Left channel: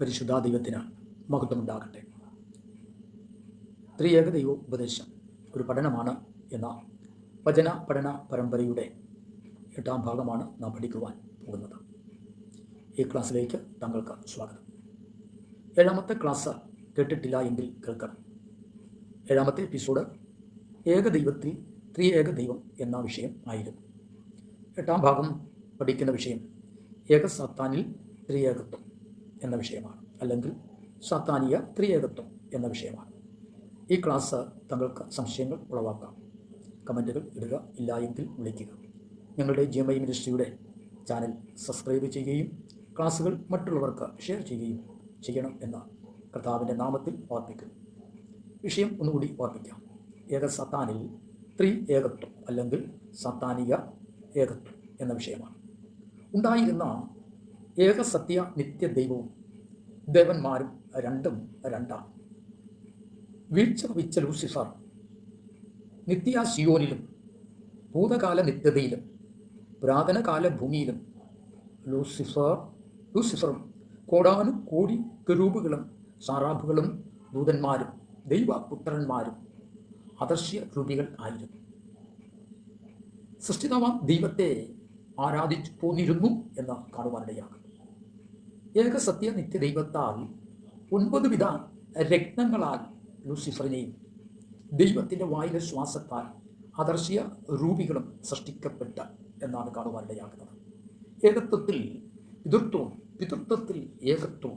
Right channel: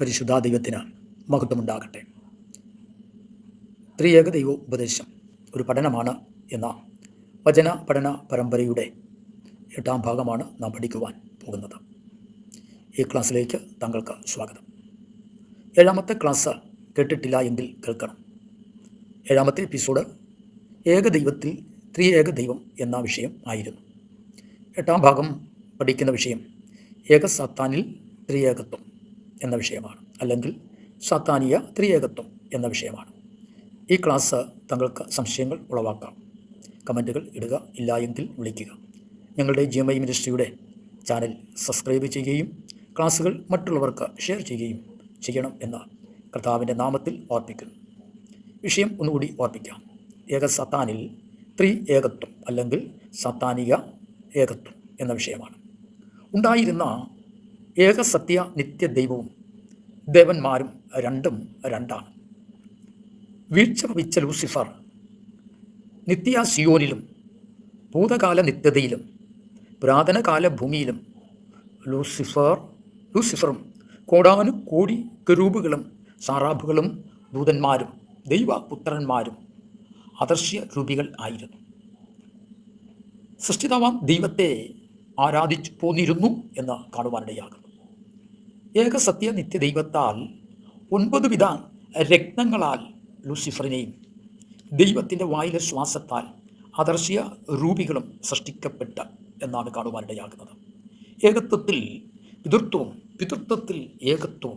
പരിശുദ്ധ ദൈവത്തിന് മഹത്വമുണ്ടാകട്ടെ. ത്രിയേക ദൈവ ഉപദേശം. ഒരു പഠനമാണ് എന്ന വചന പഠന പരമ്പരയുടെ എട്ടാം ഭാഗമാണ് നാം പഠിക്കുവാൻ പോകുന്നത്. ഈ ക്ലാസ്സിലേക്ക് താങ്കൾക്ക് സ്വാഗതം. ഏഴാമത്തെ ക്ലാസ് കേട്ടിട്ടില്ല എങ്കിൽ കേൾക്കണം. ഏഴാമത്തെ എപ്പിസോഡ് ഏകദൈവത്തിൽ ത്രിയേക ദൈവം എന്ന വിഷയം ആയിരുന്നു. എട്ടാം ഭാഗം പഠിക്കുന്ന വിഷയം ഏക സാത്താനിൽ ത്രിയേകത്വം. എന്ന വിഷയമാണ്. അല്ലെങ്കിൽ സാത്താനിയ ത്രിയേകത്വം എന്ന വിഷയമാണ്. ഈ ക്ലാസ് തങ്ങൾക്ക് സംശയങ്ങൾ ഉളവാക്കാം. കമന്റുകൾ ഇടുക ഇല്ല എങ്കിൽ വിളിക്കുക. ഞങ്ങളുടെ ജിഎംഐ മിനിസ്ട്രിയുടെ ചാനൽ സബ്സ്ക്രൈബ് ചെയ്യുകയും ക്ലാസ്സുകൾ മറ്റുള്ളവർക്ക് ഷെയർ ചെയ്യുകയും ചെയ്യണം എന്ന് കർത്താവിന്റെ നാമത്തിൽ ഓർപ്പിക്കുന്നു. വിഷയം ഒന്നുകൂടി ഓർപ്പിക്കാം. ഏക സത്താനിൽ ത്രി ഏകത്വം അല്ലെങ്കിൽ സത്താനിക ഏകത്വം എന്ന വിഷയമാണ്. ഉണ്ടായിരുന്ന ഏകസത്യ നിത്യ ദൈവവും ദേവന്മാരും രണ്ടും രണ്ടാണ്. വീഴ്ച ഭവിച്ച ലൂസിഫർ നിത്യ സിയോനിലും ഭൂതകാല നിത്യതയിലും പുരാതനകാല ഭൂമിയിലും ലൂസിഫർ ലൂസിഫറും കോടാനു കോടി കരൂപുകളും സാറാബുകളും ദൂതന്മാരും ദൈവപുത്രന്മാരും അദർശ്യ രൂപികൾ ആയിരുന്നു. സൃഷ്ടിതാവാം ദൈവത്തെ ആരാധിച്ചു പോന്നിരുന്നു എന്ന് കാണുവാനിടയാകുന്നു നിത്യ നിത്യദൈവത്താൽ ഒൻപത് വിധ രക്തങ്ങളാൽ ലൂസിഫറിനെയും ദൈവത്തിന്റെ വായിലെ ശ്വാസത്താൽ അദർശ്യ രൂപികളും സൃഷ്ടിക്കപ്പെട്ട എന്നാണ് കാണുവാനിടയാകുന്നത് ഏകത്വത്തിൽ പിതൃത്വം പിതൃത്വത്തിൽ ഏകത്വം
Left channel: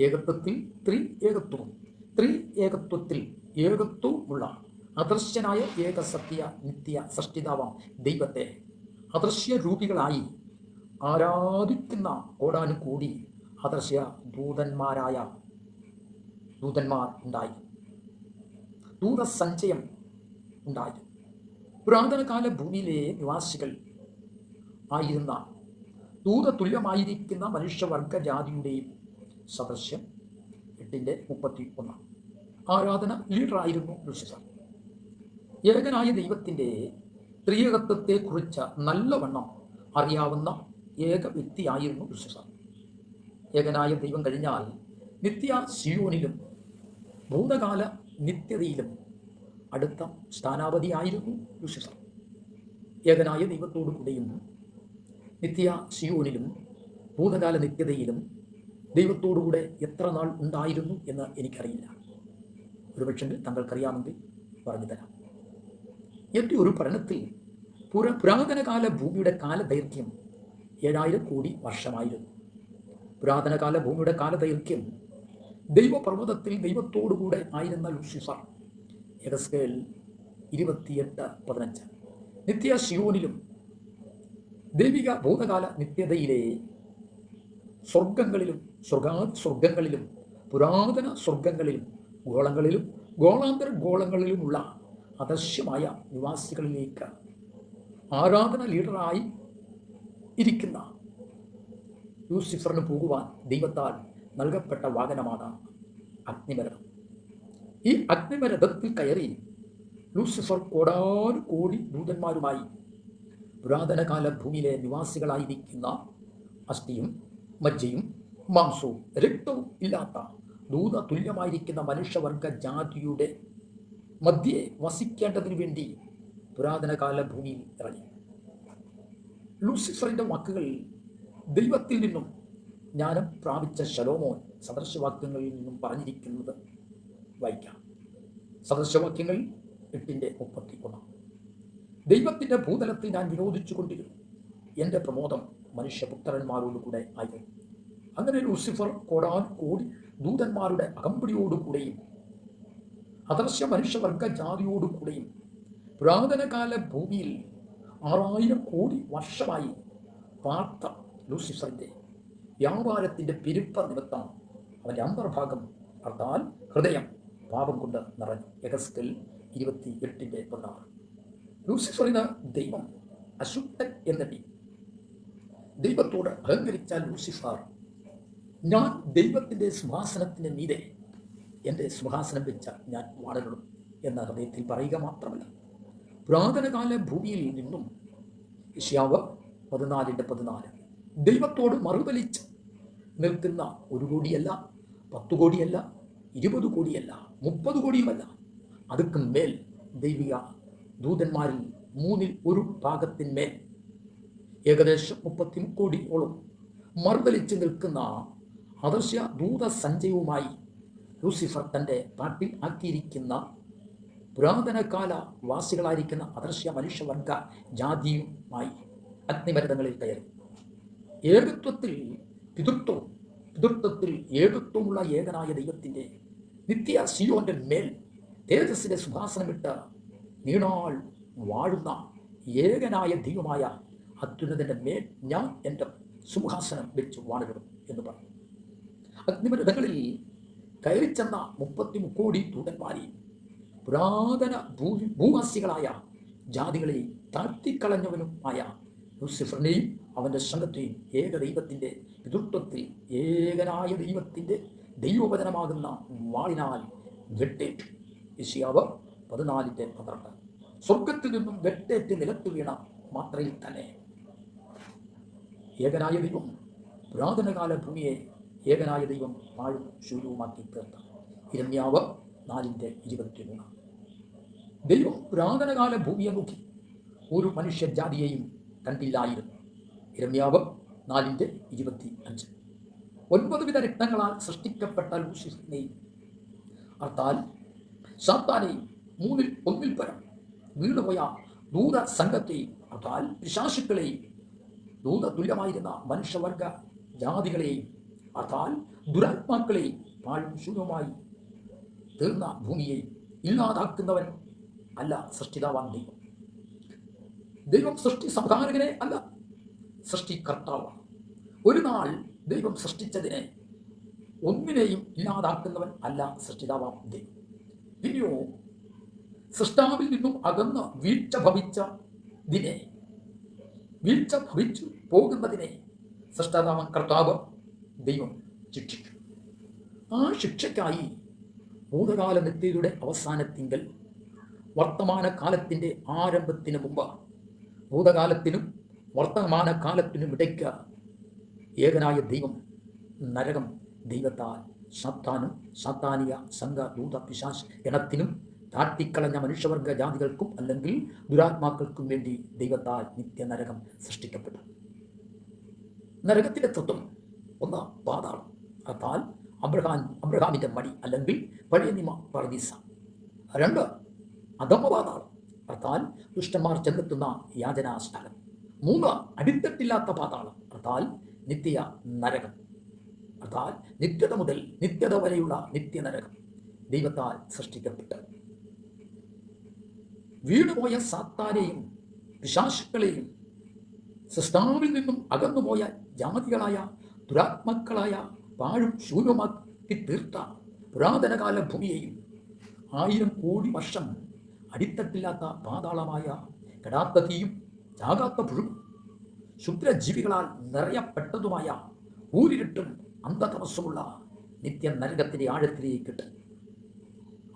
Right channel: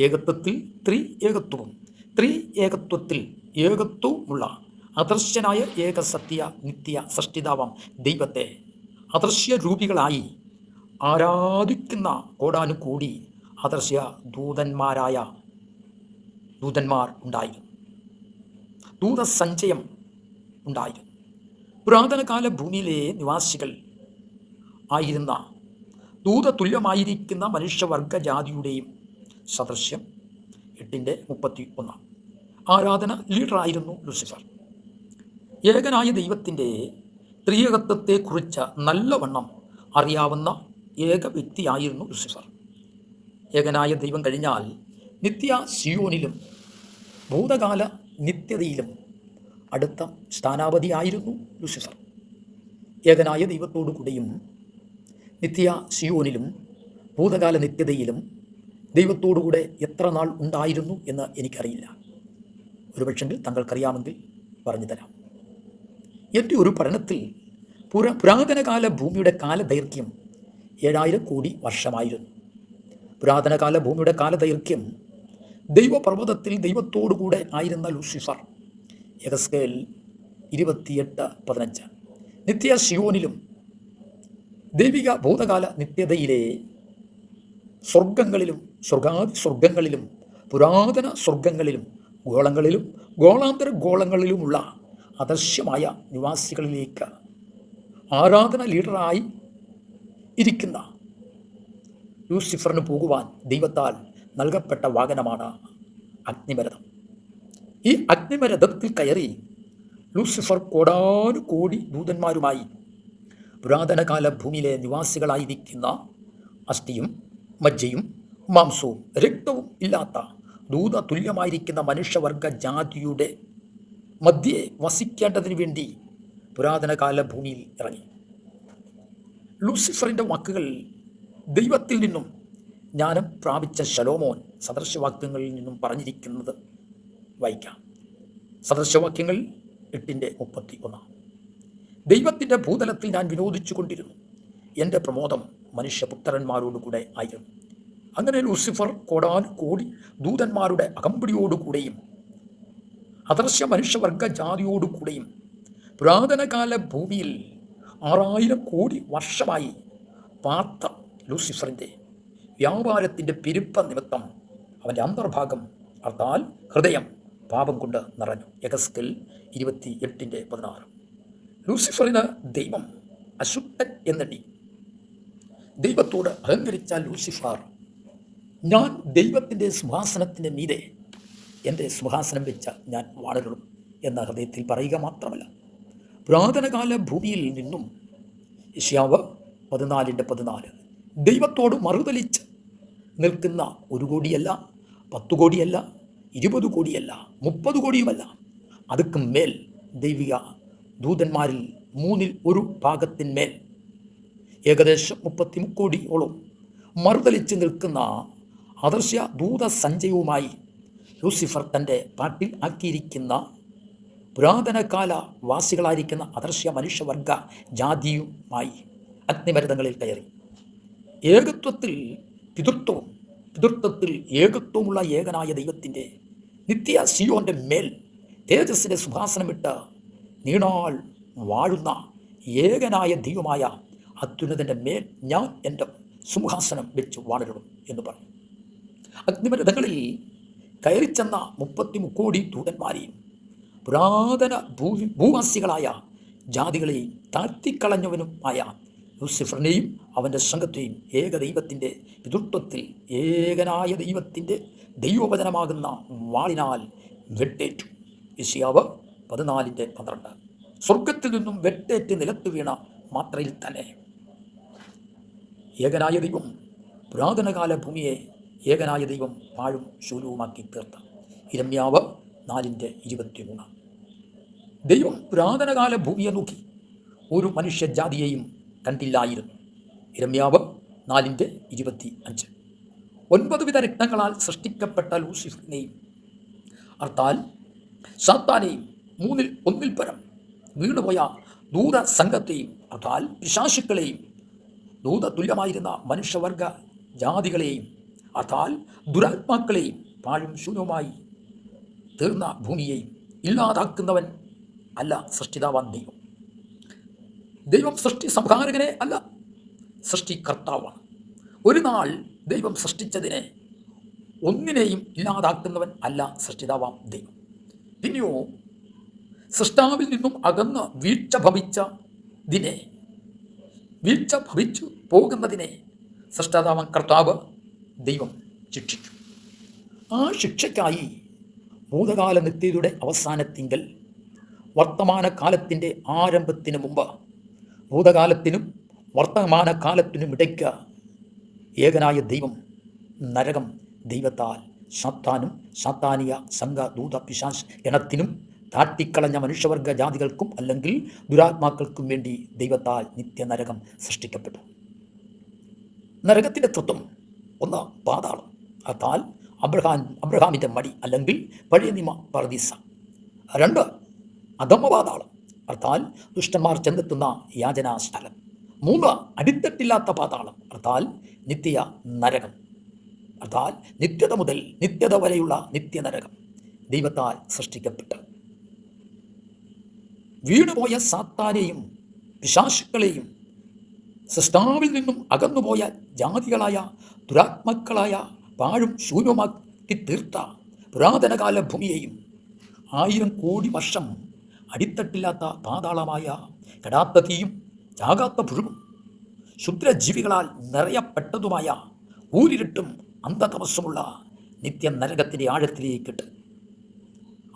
ഏകത്വത്തിൽ ത്രി ഏകത്വവും ത്രി ഏകത്വത്തിൽ ഏകത്വമുള്ള അദർശ്യനായ ഏകസത്യ നിത്യ സൃഷ്ടിതാവാം ദൈവത്തെ അദർശ്യ രൂപികളായി ആരാധിക്കുന്ന കോടാനുകൂടി അദർശ്യ ദൂതന്മാരായ ദൂതന്മാർ ഉണ്ടായി. ദൂതസഞ്ചയം ഉണ്ടായി. പുരാതനകാല ഭൂമിയിലെ നിവാസികൾ ആയിരുന്ന ദൂതതുല്യമായിരിക്കുന്ന മനുഷ്യവർഗ ജാതിയുടെയും സദൃശ്യം എട്ടിന്റെ മുപ്പത്തി ഒന്ന് ആരാധന ലീഡറായിരുന്നു ലൂസിഫർ. ഏകനായ ദൈവത്തിന്റെ ത്രിയകത്വത്തെക്കുറിച്ച് നല്ലവണ്ണം അറിയാവുന്ന ഏക വ്യക്തിയായിരുന്നു ലൂസിഫർ. ഏകനായ ദൈവം കഴിഞ്ഞാൽ നിത്യ സിയോനിലും ഭൂതകാല നിത്യതയിലും അടുത്ത സ്ഥാനാപതിയായിരുന്നു ലൂസിഫർ. ഏകനായ ദൈവത്തോടു കൂടിയും നിത്യ സിയോനിലും ഭൂതകാല നിത്യതയിലും ദൈവത്തോടുകൂടെ എത്ര നാൾ ഉണ്ടായിരുന്നു എന്ന് എനിക്കറിയില്ല. ഒരുപക്ഷെങ്കിൽ താങ്കൾക്കറിയാമെങ്കിൽ പറഞ്ഞു തരാം. എന്റെ ഒരു പഠനത്തിൽ പുര പുരാതനകാല ഭൂമിയുടെ കാലദൈർഘ്യം ഏഴായിരം കോടി വർഷമായിരുന്നു. പുരാതനകാല ഭൂമിയുടെ കാലദൈർഘ്യം. ദൈവപർവതത്തിൽ ദൈവത്തോടുകൂടെ ആയിരുന്ന ലൂസിഫർ. എഗസ്കേൽ ഇരുപത്തിയെട്ട് പതിനഞ്ച്. നിത്യ ശിയോനിലും ദൈവിക ഭൂതകാല നിത്യതയിലെ സ്വർഗങ്ങളിലും സ്വർഗാദി സ്വർഗങ്ങളിലും പുരാതന സ്വർഗങ്ങളിലും ഗോളങ്ങളിലും ഗോളാന്തര ഗോളങ്ങളിലുമുള്ള അദൃശ്യമായ നിവാസികളിലേക്ക് ആരാധന ലീഡറായി ഇരിക്കുന്ന ലൂസിഫറിന് പോകുവാൻ ദൈവത്താൽ നൽകപ്പെട്ട വാഹനമാണ് അഗ്നിമരഥം ഈ അഗ്നിമരഥത്തിൽ കയറി ലൂസിഫർ കോടാനുകോടി ദൂതന്മാരുമായി പുരാതനകാല ഭൂമിയിലെ നിവാസികളായിരിക്കുന്ന അസ്ഥിയും മജ്ജയും മാംസവും രക്തവും ഇല്ലാത്ത ദൂത തുല്യമായിരിക്കുന്ന മനുഷ്യവർഗ ജാതിയുടെ മധ്യേ വസിക്കേണ്ടതിന് വേണ്ടി പുരാതനകാല ഭൂമിയിൽ ഇറങ്ങി. ലൂസിഫറിന്റെ വാക്കുകൾ ദൈവത്തിൽ നിന്നും ജ്ഞാനം പ്രാപിച്ച ശലോമോൻ സദൃശവാക്യങ്ങളിൽ നിന്നും പറഞ്ഞിരിക്കുന്നത് വായിക്കാം. സദൃശവാക്യങ്ങൾ എട്ടിന്റെ മുപ്പത്തി ഒന്ന് ദൈവത്തിന്റെ ഭൂതലത്തിൽ ഞാൻ വിനോദിച്ചു കൊണ്ടിരുന്നു. എന്റെ പ്രമോദം മനുഷ്യപുത്രന്മാരോടുകൂടെ ആയിരുന്നു. അങ്ങനെ ലൂസിഫർ കോടാൻ കോടി ദൂതന്മാരുടെ അകമ്പടിയോടുകൂടെയും അദർശ്യ മനുഷ്യവർഗ ജാതിയോടുകൂടെയും പുരാതനകാല ഭൂമിയിൽ ആറായിരം കോടി വർഷമായി പാർത്ത ലൂസിഫറിന്റെ വ്യാപാരത്തിന്റെ പെരുപ്പ നിമിത്തം അവന്റെ അന്തർഭാഗം അർത്ഥാൽ ഹൃദയം പാപം കൊണ്ട് നിറഞ്ഞു. യഗസ്കൽ ഇരുപത്തി എട്ടിന്റെ പതിനാറ്. ലൂസിഫറിന് ദൈവം അശുദ്ധൻ എന്നടി ദൈവത്തോട് അഹങ്കരിച്ച ലൂസിഫർ. ഞാൻ ദൈവത്തിന്റെ സിംഹാസനത്തിന്റെ മീതെ എന്റെ സിംഹാസനം വെച്ച ഞാൻ വാടകളും എന്ന ഹൃദയത്തിൽ പറയുക മാത്രമല്ല പുരാതനകാല ഭൂമിയിൽ നിന്നും ഏഷ്യാവ് പതിനാലിന്റെ പതിനാല് ദൈവത്തോട് മറുതലിച്ച് നിൽക്കുന്ന ഒരു കോടിയല്ല പത്തു കോടിയല്ല ഇരുപത് കോടിയല്ല മുപ്പത് കോടിയുമല്ല. അതുക്കും മേൽ ദൈവിക ദൂതന്മാരിൽ മൂന്നിൽ ഒരു ഭാഗത്തിന്മേൽ ഏകദേശം മുപ്പത്തി കോടിയോളം മറുതലിച്ച് നിൽക്കുന്ന അദർശ്യ ദൂതസഞ്ചയവുമായി ലൂസിഫർ തന്റെ പാട്ടിൽ ആക്കിയിരിക്കുന്ന പുരാതനകാല വാസികളായിരിക്കുന്ന അദർശ്യ മനുഷ്യവർഗ ജാതിയുമായി അഗ്നിമരുതങ്ങളിൽ കയറി. ഏകത്വത്തിൽ പിതൃത്വം പിതൃത്വത്തിൽ ഏകത്വമുള്ള ഏകനായ ദൈവത്തിന്റെ നിത്യ സിയോന്റെ മേൽ തേജസ്സിന്റെ സുഭാസനമിട്ട് നീണാൾ വാഴുന്ന ഏകനായ ദൈവമായ അത്യുന്നതിന്റെ മേൽ ഞാൻ എന്റെ സിംഹാസനം വെച്ച് വാണിടും എന്ന് പറഞ്ഞു അഗ്നിമരഥങ്ങളിൽ കയറിച്ചെന്ന മുപ്പത്തി മുക്കോടി ദൂതന്മാരെയും പുരാതന ഭൂ ഭൂവാസികളായ ജാതികളെയും താഴ്ത്തിക്കളഞ്ഞവനുമായ ലൂസിഫറിനെയും അവന്റെ സംഘത്തെയും ഏക ദൈവത്തിന്റെ പിതൃത്വത്തിൽ ഏകനായ ദൈവത്തിന്റെ ദൈവവചനമാകുന്ന വാളിനാൽ വെട്ടേറ്റു. ഇസിയാവ് പതിനാലിന്റെ പന്ത്രണ്ട്. സ്വർഗത്തിൽ നിന്നും വെട്ടേറ്റ് നിലത്ത് വീണ മാത്രയിൽ തന്നെ ഏകനായ ദൈവം പുരാതനകാല ഭൂമിയെ ഏകനായ ദൈവം പാഴും ശൂലവുമാക്കി തീർത്ത. ഇരമ്യാവ് നാലിന്റെ ഇരുപത്തിമൂന്ന്. ദൈവം പുരാതനകാല ഭൂമിയെ നോക്കി ഒരു മനുഷ്യജാതിയെയും കണ്ടില്ലായിരുന്നു ഇരമ്യാവ് നാലിന്റെ ഇരുപത്തി അഞ്ച് ഒൻപത് വിധ രക്തങ്ങളാൽ സൃഷ്ടിക്കപ്പെട്ട ലൂസിഫറിനെയും അർത്ഥാൽ സാത്താനെയും മൂന്നിൽ ഒന്നിൽ പരം വീണുപോയ ദൂത സംഘത്തെയും അർത്ഥാൽ പിശാശുക്കളെയും ദൂത തുല്യമായിരുന്ന മനുഷ്യവർഗ ജാതികളെയും അർത്ഥാൽ ദുരാത്മാക്കളെയും പാഴും ശൂന്യവുമായി തീർന്ന ഭൂമിയെയും ഇല്ലാതാക്കുന്നവൻ അല്ല സൃഷ്ടിതാവാൻ ദൈവം. ദൈവം സൃഷ്ടി സംഹാരകനെ അല്ല സൃഷ്ടികർത്താവാണ്. ഒരു നാൾ ദൈവം സൃഷ്ടിച്ചതിനെ ഒന്നിനെയും ഇല്ലാതാക്കുന്നവൻ അല്ല സൃഷ്ടിതാവാം ദൈവം. പിന്നെയോ സൃഷ്ടാവിൽ നിന്നും അകന്ന് വീഴ്ച ഭവിച്ചതിനെ വീഴ്ച ഭവിച്ചു പോകുന്നതിനെ സൃഷ്ടാതാവാം കർത്താവ് ദൈവം ശിക്ഷിച്ചു ആ ശിക്ഷയ്ക്കായി ഭൂതകാല നിത്യതയുടെ അവസാനത്തിങ്കൽ വർത്തമാനകാലത്തിന്റെ ആരംഭത്തിന് മുമ്പ് ഭൂതകാലത്തിനും വർത്തമാനകാലത്തിനും ഇടയ്ക്ക് ഏകനായ ദൈവം നരകം ദൈവത്താൽ സാത്താനും സാത്താനിയ സംഘ ദൂത പിശാസ് ഗണത്തിനും താട്ടിക്കളഞ്ഞ മനുഷ്യവർഗ ജാതികൾക്കും അല്ലെങ്കിൽ ദുരാത്മാക്കൾക്കും വേണ്ടി ദൈവത്താൽ നിത്യനരകം സൃഷ്ടിക്കപ്പെട്ടു. നരകത്തിന്റെ തത്വം ഒന്ന് പാതാളം. അതാൽ അബ്രഹാം അബ്രഹാമിന്റെ മടി അല്ലെങ്കിൽ പഴയ നിമ പറദീസ രണ്ട് അധമ പാതാളം അർത്ഥാൽ ദുഷ്ടന്മാർ ചെന്നെത്തുന്ന യാചനാ സ്ഥലം മൂന്ന് അടിത്തട്ടില്ലാത്ത പാതാളം. അർത്ഥാൽ നിത്യ നരകം. അർത്ഥാൽ നിത്യത മുതൽ നിത്യത വരെയുള്ള നിത്യനരകം ദൈവത്താൽ സൃഷ്ടിക്കപ്പെട്ട്. വീണുപോയ സാത്താനെയും പിശാശുക്കളെയും സൃഷ്ടാവിൽ നിന്നും അകന്നുപോയ ജാതികളായ ദുരാത്മക്കളായ പാഴും ശൂന്യമാക്കി തീർത്ത പുരാതനകാല ഭൂമിയെയും ആയിരം കോടി വർഷം അടിത്തട്ടില്ലാത്ത പാതാളമായ കെടാത്ത തീയും ചാകാത്ത പുഴുവും ക്ഷുദ്രജീവികളാൽ നിറയപ്പെട്ടതുമായ ഊരിരുട്ടും അന്ധതമസ്സുമുള്ള നിത്യ നരകത്തിന്റെ ആഴത്തിലേക്കിട്ട്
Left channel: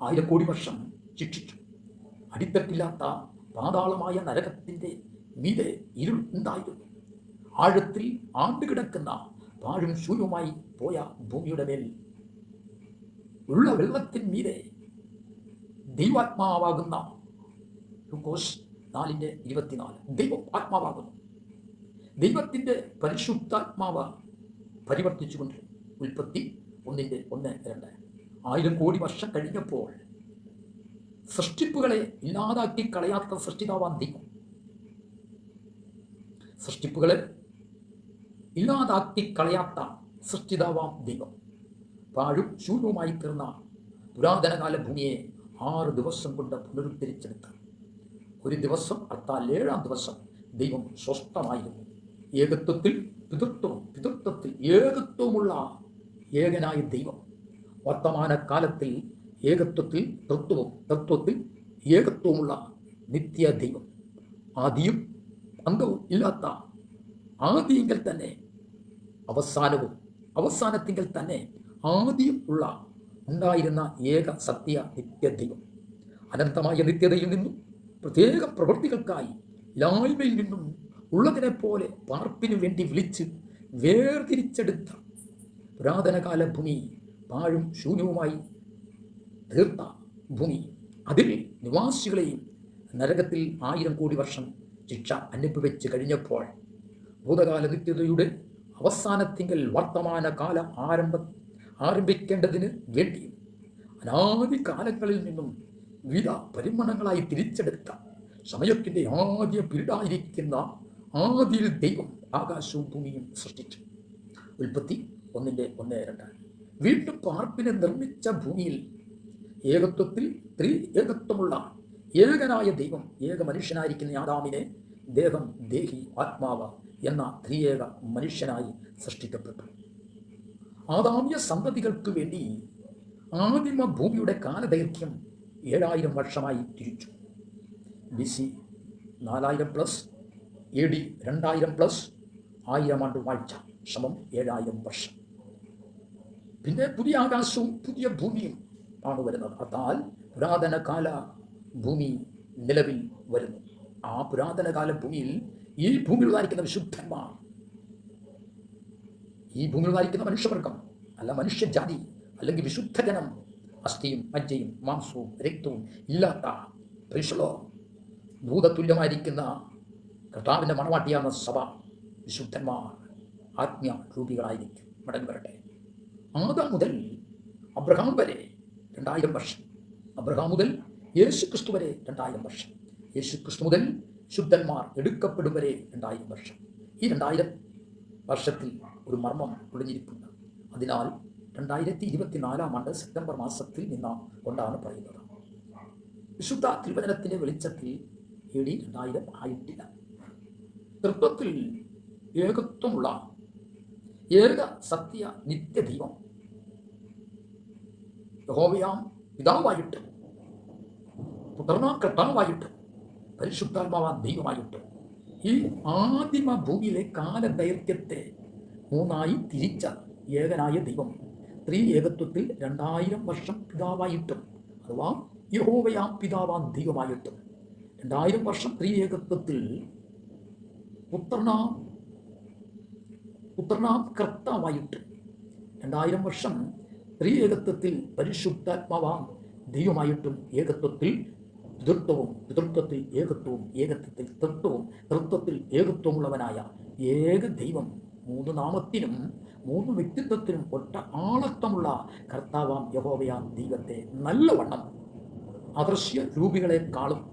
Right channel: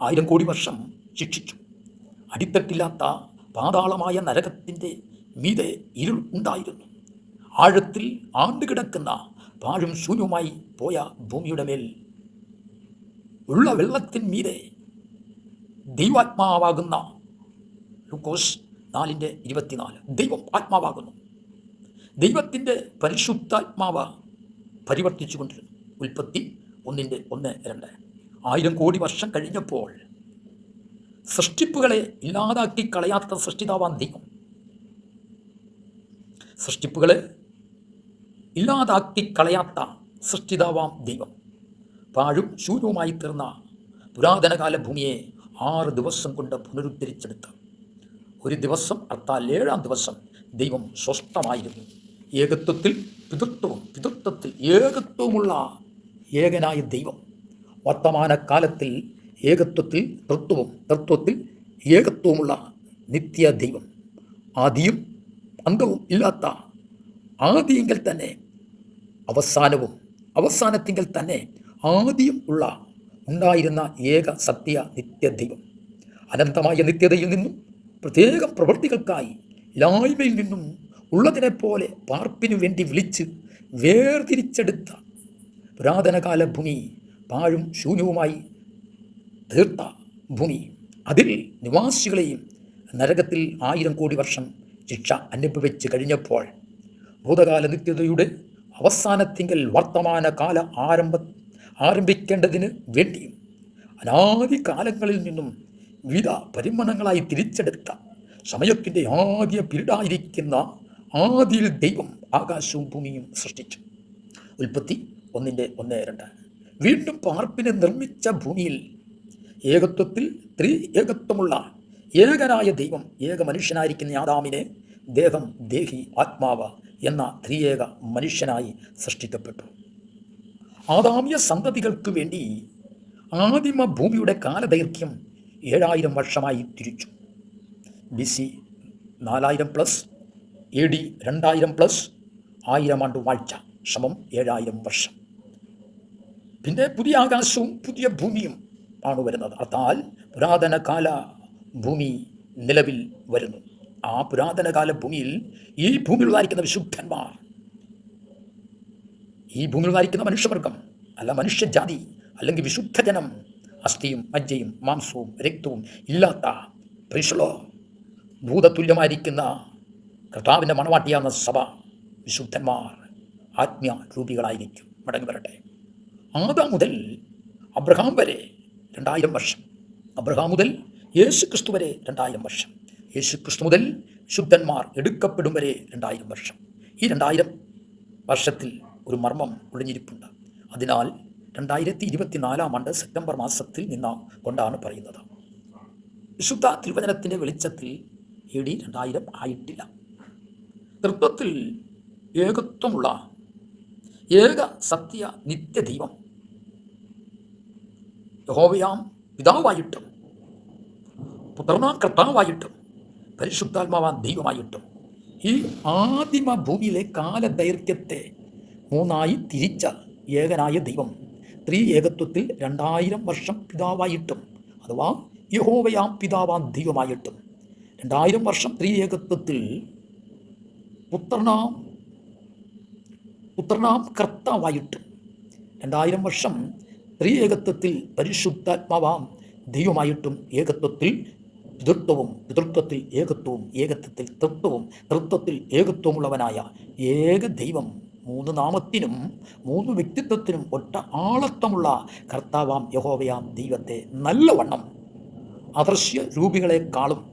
ആയിരം കോടി വർഷം ശിക്ഷിച്ചു. അടിത്തട്ടില്ലാത്ത പാതാളമായ നരകത്തിന്റെ മീതെ ഇരുൾ ഉണ്ടായിരുന്നു. ആഴത്തിൽ ആണ്ടുകിടക്കുന്ന പാഴും ശൂന്യവുമായി പോയ ഭൂമിയുടെ മേൽ ഉള്ള വെള്ളത്തിൻ മീതെ ദൈവാത്മാവാകുന്ന ലൂക്കോസ് നാലിന്റെ ഇരുപത്തിനാല്. ദൈവം ആത്മാവാകുന്നു. ദൈവത്തിന്റെ പരിശുദ്ധാത്മാവ് പരിവർത്തിച്ചുകൊണ്ടിരുന്നു ഉൽപ്പത്തി ഒന്നിന്റെ ഒന്ന് രണ്ട്. ആയിരം കോടി വർഷം കഴിഞ്ഞപ്പോൾ സൃഷ്ടിപ്പുകളെ ഇല്ലാതാക്കി കളയാത്ത സൃഷ്ടിതാവാൻ ദൈവം. സൃഷ്ടിപ്പുകളെ ഇല്ലാതാക്കി കളയാത്ത സൃഷ്ടിതാവാം ദൈവം. പാഴും ശൂന്യവുമായി തീർന്ന പുരാതനകാല ഭൂമിയെ ആറ് ദിവസം കൊണ്ട് പുനരുദ്ധരിച്ചെടുത്ത് ഒരു ദിവസം അർത്ഥാൽ ഏഴാം ദിവസം ദൈവം സ്വസ്ഥമായിരുന്നു. ഏകത്വത്തിൽ പിതൃത്വം പിതൃത്വത്തിൽ ഏകത്വമുള്ള ഏകനായ ദൈവം. വർത്തമാനകാലത്തിൽ ഏകത്വത്തിൽ തൃത്വവും തത്വത്തിൽ ഏകത്വമുള്ള നിത്യ ദൈവം. ആദിയും അംഗവും ഇല്ലാത്ത ആദിയെങ്കിൽ തന്നെ അവസാനവും അവസാനത്തിങ്കിൽ തന്നെ ആദ്യം ഉള്ള ഉണ്ടായിരുന്ന ഏക സത്യ നിത്യ ദൈവം. അനന്തമായ നിത്യതയിൽ നിന്നും പ്രത്യേക പ്രവൃത്തികൾക്കായി ലായ്മയിൽ നിന്നും ഉള്ളതിനെ പോലെ പാർപ്പിനു വേണ്ടി വിളിച്ച് വേർതിരിച്ചെടുത്ത പുരാതനകാല ഭൂമി പാഴും ശൂന്യവുമായി തീർത്ത ഭൂമി. അതിൽ നിവാസികളെയും നരകത്തിൽ ആയിരം കോടി വർഷം ശിക്ഷ അനുഭവിച്ച് കഴിഞ്ഞപ്പോൾ ഭൂതകാല നിത്യതയുടെ അവസാനത്തിങ്കൽ വർത്തമാന കാല ആരംഭ ആരംഭിക്കേണ്ടതിന് വേണ്ടിയും അനാദി കാലങ്ങളിൽ നിന്നും വിവിധ പരിമണങ്ങളായി തിരിച്ചെടുത്ത സമയത്തിന്റെ ആദ്യ പിരീഡായിരിക്കുന്ന ആദിയിൽ ദൈവം ആകാശവും ഭൂമിയും സൃഷ്ടിച്ചു. ഉൽപ്പത്തി ഒന്നിന്റെ ഒന്ന് രണ്ട്. വീണ്ടും പാർപ്പിനെ നിർമ്മിച്ച ഭൂമിയിൽ ഏകത്വത്തിൽ ത്രീ ഏകത്വമുള്ള ഏകനായ ദൈവം ഏക മനുഷ്യനായിരിക്കുന്ന ആദാമിനെ ദേഹം ദേഹി ആത്മാവ് എന്ന ത്രിയേക മനുഷ്യനായി സൃഷ്ടിക്കപ്പെട്ടു. ആദാമിയ സന്തതികൾക്ക് വേണ്ടി ആദിമ ഭൂമിയുടെ കാലദൈർഘ്യം ഏഴായിരം വർഷമായി തിരിച്ചു. ബി സി നാലായിരം പ്ലസ് എ ഡി രണ്ടായിരം പ്ലസ് ആയിരം ആണ്ട് വാഴ്ച സമം ഏഴായിരം വർഷം. പിന്നെ പുതിയ ആകാശവും പുതിയ ഭൂമിയും ആണ് വരുന്നത്. അർത്ഥാൽ പുരാതന കാല ഭൂമി നിലവിൽ വരുന്നു. ആ പുരാതന കാല ഭൂമിയിൽ ഈ ഭൂമിയിൽ വായിക്കുന്ന വിശുദ്ധന്മാർ ഈ ഭൂമിയിൽ വായിക്കുന്ന മനുഷ്യവർഗം അല്ല മനുഷ്യജാതി അല്ലെങ്കിൽ വിശുദ്ധജനം അസ്ഥിയും മജ്ജയും മാംസവും രക്തവും ഇല്ലാത്ത പരിശുളോ ഭൂതതുല്യമായിരിക്കുന്ന കർത്താവിന്റെ മണവാട്ടിയാകുന്ന സഭ. വിശുദ്ധന്മാർ ആത്മീയ രൂപികളായിരിക്കും മടങ്ങി വരട്ടെ. ആദാം മുതൽ അബ്രഹാം വരെ രണ്ടായിരം വർഷം. അബ്രഹാം മുതൽ യേശു ക്രിസ്തു വരെ രണ്ടായിരം വർഷം. യേശു ക്രിസ്തു മുതൽ ശുദ്ധന്മാർ എടുക്കപ്പെടും വരെ രണ്ടായിരം വർഷം. ഈ രണ്ടായിരം വർഷത്തിൽ ഒരു മർമ്മം ഒളിഞ്ഞിരിപ്പുണ്ട്. അതിനാൽ രണ്ടായിരത്തി ഇരുപത്തിനാലാം ആണ്ട് സെപ്റ്റംബർ മാസത്തിൽ നിന്ന കൊണ്ടാണ് പറയുന്നത്. വിശുദ്ധ തിരുവചനത്തിന്റെ വെളിച്ചത്തിൽ എ ഡി രണ്ടായിരം ആയിട്ടില്ല. തൃത്വത്തിൽ ഏകത്വമുള്ള ഏക സത്യ നിത്യദൈവം യഹോവയാം പിതാവായിട്ടും പുത്രനാം കർത്താവായിട്ടും പരിശുദ്ധാത്മാവാൻ ദൈവമായിട്ടും ഈ ആദിമ ഭൂമിയിലെ കാലദൈർഘ്യത്തെ മൂന്നായി തിരിച്ച ഏകനായ ദൈവം ത്രീ ഏകത്വത്തിൽ രണ്ടായിരം വർഷം പിതാവായിട്ടും അഥവാ യഹോവയാം പിതാവാൻ ദൈവമായിട്ടും. രണ്ടായിരം വർഷം ത്രീ ഏകത്വത്തിൽ പുത്രനാം പുത്രനാം കർത്താവായിട്ട്. രണ്ടായിരം വർഷം ത്രീ ഏകത്വത്തിൽ പരിശുദ്ധാത്മാവാം ദൈവമായിട്ടും ഏകത്വത്തിൽ പിതൃത്വവും പിതൃത്വത്തിൽ ഏകത്വവും ഏകത്വത്തിൽ തൃത്വവും തൃത്വത്തിൽ ഏകത്വമുള്ളവനായ ഏക ദൈവം മൂന്ന് നാമത്തിനും മൂന്ന് വ്യക്തിത്വത്തിനും ഒറ്റ ആളത്വമുള്ള കർത്താവാം യഹോവയാം ദൈവത്തെ നല്ലവണ്ണം അദൃശ്യ രൂപികളെക്കാളും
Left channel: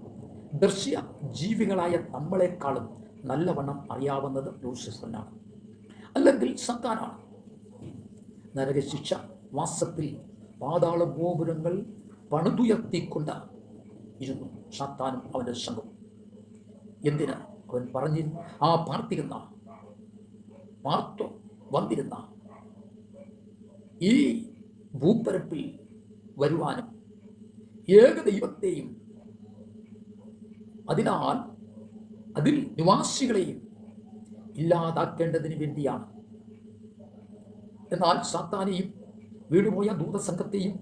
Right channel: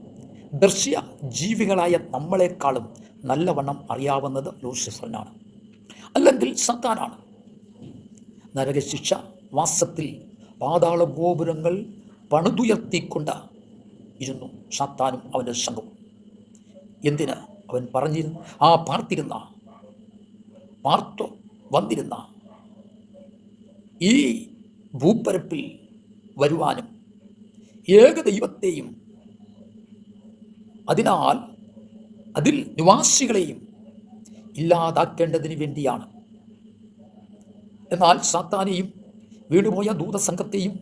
ദൃശ്യ ജീവികളായ നമ്മളെക്കാളും നല്ലവണ്ണം അറിയാവുന്നത് ലൂസിഫറിനാണ് അല്ലെങ്കിൽ സത്താനാണ് നരകശിക്ഷ വാസത്തിൽ പാതാള ഗോപുരങ്ങൾ പണിതുയർത്തിക്കൊണ്ട് ഇരുന്നു. സത്താനും അവന്റെ സംഘവും. എന്തിന്? അവൻ പറഞ്ഞിരുന്നു ആ പാർത്തിരുന്ന. പാർത്തു വന്നിരുന്ന ഈ ഭൂപ്പരപ്പിൽ വരുവാനും ഏക ദൈവത്തെയും അതിനാൽ അതിൽ നിവാസികളെയും ഇല്ലാതാക്കേണ്ടതിന് വേണ്ടിയാണ്. എന്നാൽ സാത്താനെയും വീടുപോയ ദൂതസംഘത്തെയും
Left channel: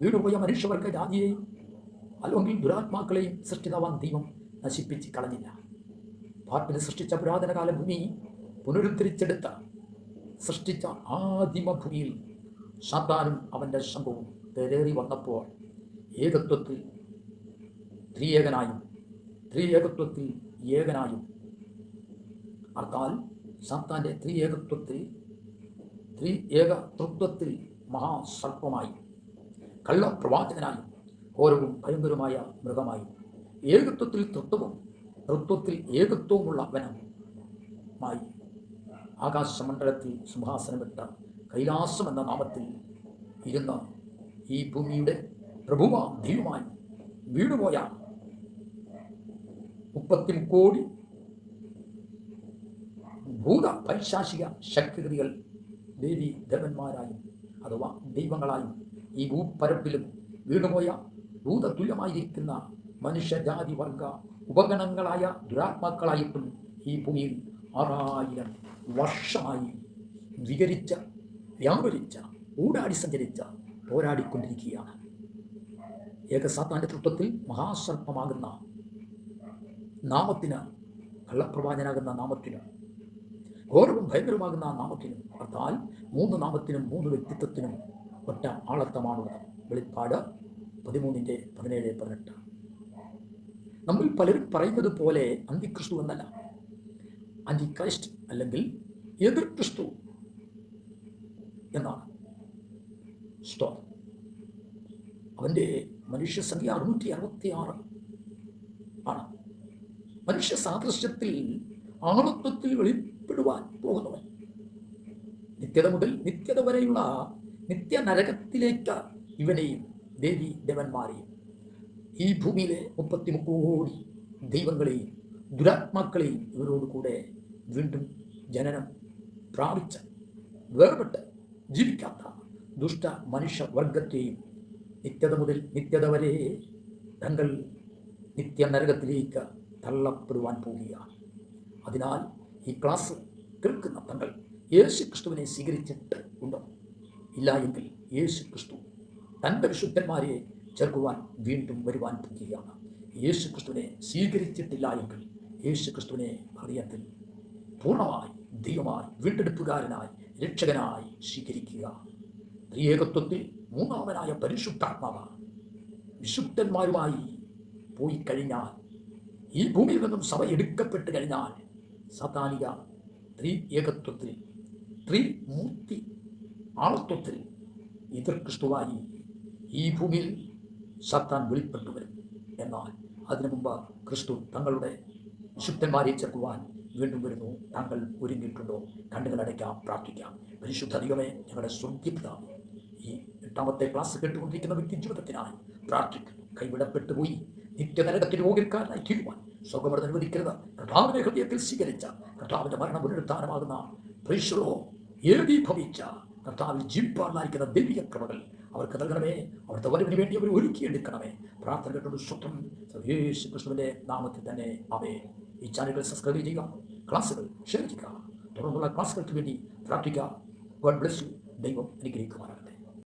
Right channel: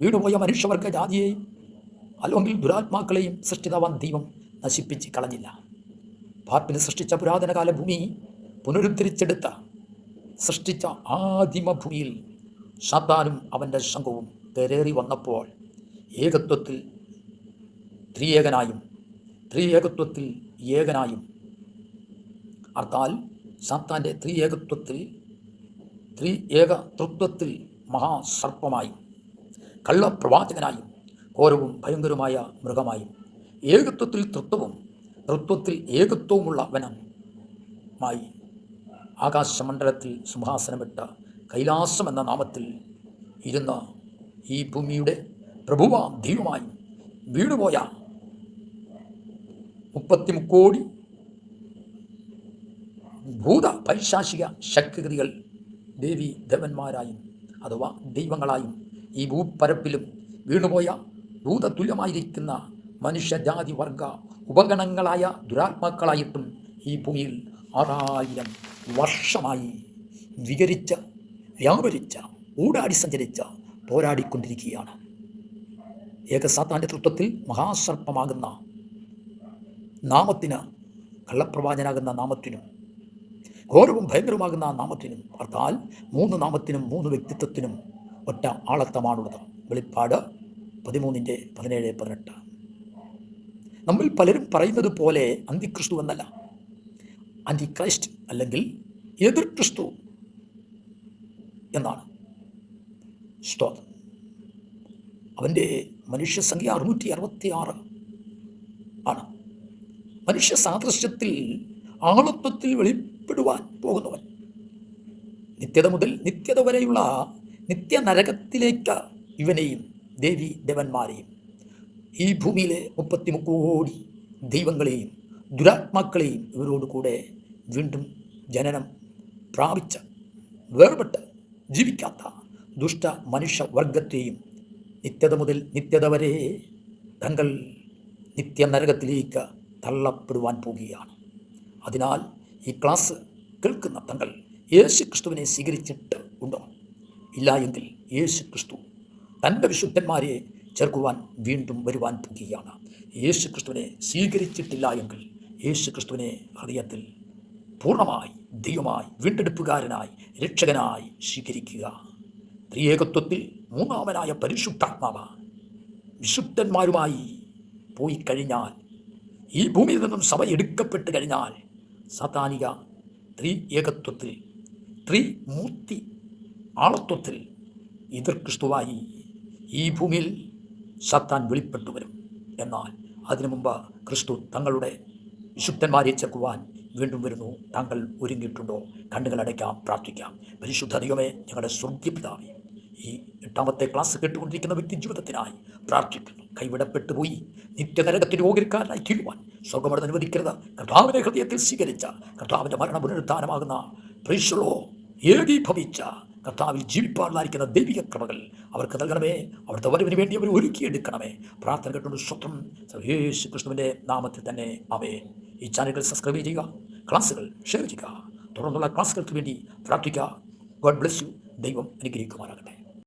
വീടുപോയ മനുഷ്യവർഗ ജാതിയെയും അല്ലെങ്കിൽ ദുരാത്മാക്കളെയും സൃഷ്ടിതവാൻ ദൈവം നശിപ്പിച്ച് കളഞ്ഞില്ല. പാർപ്പിന് സൃഷ്ടിച്ച പുരാതനകാല ഭൂമി പുനരുദ്ധരിച്ചെടുത്ത സൃഷ്ടിച്ച ആദിമഭൂമിയിൽ സാത്താനും അവന്റെ സംഘവും കരേറി വന്നപ്പോൾ ഏകത്വത്തിൽ ത്രിയേകനായും ത്രിയേകത്വത്തിൽ ഏകനായും. അർത്ഥാൽ സാത്താന്റെ ത്രിയേകത്വത്തിൽ ത്രി ഏക തൃത്വത്തിൽ മഹാസർപ്പമായും കള്ളപ്രവാചകനായും ഘോരവും ഭയങ്കരമായ മൃഗമായും ഏകത്വത്തിൽ തൃത്വവും തൃത്വത്തിൽ ഏകത്വവുമുള്ളവനുമായി ആകാശമണ്ഡലത്തിൽ സിംഹാസനമിട്ട കൈലാസം എന്ന നാമത്തിൽ ഇരുന്ന ഈ ഭൂമിയുടെ പ്രഭുവ ദൈവമായി വീണുപോയ മുപ്പത്തി മുക്കോടി ഭൂത പൈശാചിക ശക്തിഗതികൾ ദേവി ദേവന്മാരായും അഥവാ ദൈവങ്ങളായും ഈ ഭൂപ്പരപ്പിലും വീണുപോയ ഭൂതതുല്യമായിരിക്കുന്ന മനുഷ്യജാതി വർഗ ഉപഗണങ്ങളായ ദുരാത്മാക്കളായിട്ടും ഈ ഭൂമിയിൽ ആറായിരം വർഷമായി വികരിച്ച വ്യാപരിച്ച ഊടാടി സഞ്ചരിച്ച പോരാടിക്കൊണ്ടിരിക്കുകയാണ്. ഏകസാത്താന്റെ തൃത്വത്തിൽ മഹാസർപ്പമാകുന്ന നാമത്തിന് കള്ളപ്രവാചനാകുന്ന നാമത്തിനും ഘോരവും ഭയങ്കരമാകുന്ന നാമത്തിനും അർത്ഥാൽ മൂന്ന് നാമത്തിനും മൂന്ന് വ്യക്തിത്വത്തിനും ഒറ്റ ആളത്തമാണുള്ളത്. വെളിപ്പാട് പതിമൂന്നിന്റെ പതിനേഴ് പതിനെട്ട്. നമ്മൾ പലരും പറയുന്നത് പോലെ അന്തിക്രിസ്തു എന്നല്ല. അന്റി ക്രൈസ്റ്റ് അല്ലെങ്കിൽ എതിർ ക്രിസ്തു എന്നാണ്. സ്തോത്രം. അവന്റെ മനുഷ്യസംഖ്യ അറുന്നൂറ്റി അറുപത്തി ആറ് ആണ്. മനുഷ്യ സാദൃശ്യത്തിൽ ആളത്വത്തിൽ വെളിപ്പെടുവാൻ പോകുന്നവൻ. നിത്യത മുതൽ നിത്യത വരെയുള്ള നിത്യനരകത്തിലേക്ക് ഇവനെയും ദേവി ദേവന്മാരെയും ഈ ഭൂമിയിലെ മുപ്പത്തി കോടി ദൈവങ്ങളെയും ദുരാത്മാക്കളെയും ഇവരോട് കൂടെ വീണ്ടും ജനനം പ്രാപിച്ച വേർപെട്ട് ജീവിക്കാത്ത ദുഷ്ട മനുഷ്യവർഗത്തെയും നിത്യത മുതൽ നിത്യത വരെ തങ്ങൾ നിത്യനരകത്തിലേക്ക് തള്ളപ്പെടുവാൻ പോവുകയാണ് അതിനാൽ ഈ ക്ലാസ് കേൾക്കുന്ന തങ്ങൾ യേശു ക്രിസ്തുവിനെ സ്വീകരിച്ചിട്ട് ഉണ്ടോ? ഇല്ല എങ്കിൽ യേശു ക്രിസ്തു തന്റെ വിശുദ്ധന്മാരെ ചേർക്കുവാൻ വീണ്ടും വരുവാൻ പോകുകയാണ്. യേശു ക്രിസ്തുവിനെ സ്വീകരിച്ചിട്ടില്ല എങ്കിൽ യേശു ക്രിസ്തുവിനെ ഹൃദയത്തിൽ പൂർണമായി ദൈവമായി വീണ്ടെടുപ്പുകാരനായി രക്ഷകനായി സ്വീകരിക്കുക. ത്രിയേകത്വത്തിൽ മൂന്നാമനായ പരിശുദ്ധാത്മാവ് വിശുദ്ധന്മാരുമായി പോയി കഴിഞ്ഞാൽ ഈ ഭൂമിയിൽ നിന്നും സഭ എടുക്കപ്പെട്ട് കഴിഞ്ഞാൽ സാത്താനിക ത്രീ ഏകത്വത്തിൽ ത്രിമൂർത്തി ആളത്വത്തിൽ എതിർ ക്രിസ്തുവായി ഈ ഭൂമിയിൽ സത്താൻ വെളിപ്പെട്ടു വരും എന്നാൽ അതിനു മുമ്പ് ക്രിസ്തു തങ്ങളുടെ വിശുദ്ധന്മാരെ ചേർക്കുവാൻ വീണ്ടും വരുന്നു. താങ്കൾ ഒരുങ്ങിയിട്ടുണ്ടോ? കണ്ണുകൾ അടയ്ക്കാം പ്രാർത്ഥിക്കാം. പരിശുദ്ധ ദൈവമേ ഞങ്ങളുടെ സ്വർഗീപിതാവേ ഈ എട്ടാമത്തെ ക്ലാസ് കേട്ടുകൊണ്ടിരിക്കുന്ന വ്യക്തി ജീവിതത്തിനായി പ്രാർത്ഥിക്കുന്നു. കൈവിടപ്പെട്ടു പോയി. നിത്യനരകത്തിൽ രോഗിക്കാരനായി തീരുവാൻ സ്വർഗമടം അനുവദിക്കരുത്. കർത്താവിനെ ഹൃദയത്തിൽ സ്വീകരിച്ച കർത്താവിന്റെ മരണ പുനരുദ്ധാനമാകുന്ന പ്രീശുളോ ഏകീഭവിച്ച കർത്താവിൽ ജീവിപ്പാറിലായിരിക്കുന്ന ദൈവിക കൃപകൾ അവർക്ക് നൽകണമേ. അവിടുത്തെ വരവിന് വേണ്ടി അവർ ഒരുക്കിയെടുക്കണമേ. പ്രാർത്ഥന കേട്ടുകൊണ്ട് സ്വത്വം യേശു കൃഷ്ണുവിന്റെ നാമത്തിൽ തന്നെ. അവേ ಈ ಚಾನೆಲ್ಗಳು ಸಬ್ಸ್ಕ್ರೈಬ್ ಇದೀಗ ಕ್ಲಾಸ್ಗಳು ಶೇರ್ ಇದೀಗ தொடர்ந்துள்ள கிளாஸ்கள் வேண்டி பிரார்த்திக்கா காட் பிளஸ் யூ தெய்வம் எனக்கு இருக்குமாறு